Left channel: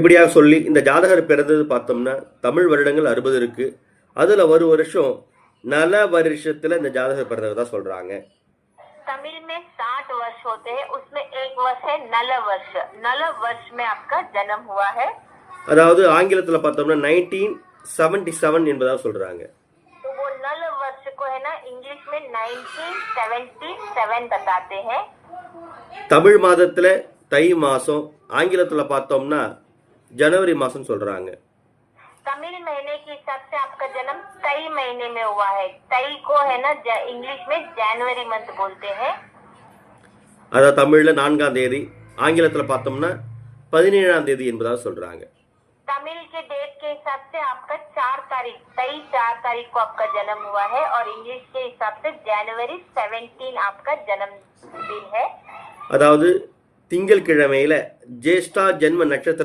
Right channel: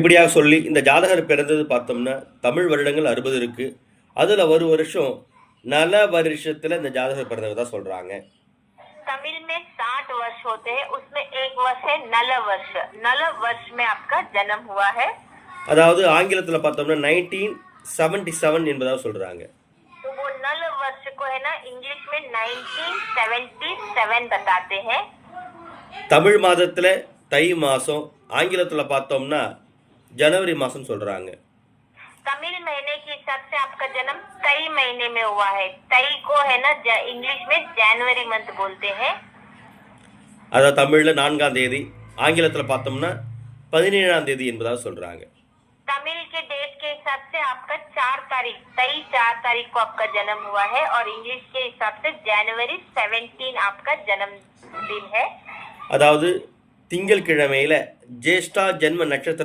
இப்படியாக சொல்லி இந்த ஜாதகர் பிறந்தது பார்த்தோம்னா தமிழ் வருடங்கள் 60 இருக்கு. அதுல ஒரு வருஷம் நல வருஷத்துல இந்த ஜாதகர் பிறந்ததா சொல்றாங்க. तमिल में 60 वर्ष होते हैं, उसमें एक वर्ष है नल वर्ष। नल वर्ष में आपका जन्म हुआ है। அதாவது ஆங்கிலத்துல பார்த்தோம்னா 1977 என்பதாக சொல்றாங்க. तो वो नल वर्ष को है ना इंग्लिश में 1977 बताते हैं। தமிழ் மாதத்துல தை மாசம், ஆங்கிலத்துல பார்த்தோம்னா जनवरी மாசம் சொல்றாங்க. तमिल महीने के हिसाब से आपका जन्म तई महीने में हुआ है। तई को है ना इंग्लिश में जनवरी मंथ बोलते हैं। அதாவது தமிழ்ல 4ஆம் தேதி, ஆங்கிலத்துல பார்த்தோம்னா 17ஆம் தேதி என்பதாக சொல்றாங்க. तमिल के डेट के हिसाब से आपका 4 तारीख तई 4 तारीख को आपका जन्म हुआ है और इंग्लिश के हिसाब से जनवरी 17 आपका जन्मदिन है। அதாவது திங்கட்கிழமையில ஜேஷ்டா ஜென்ம நட்சத்திர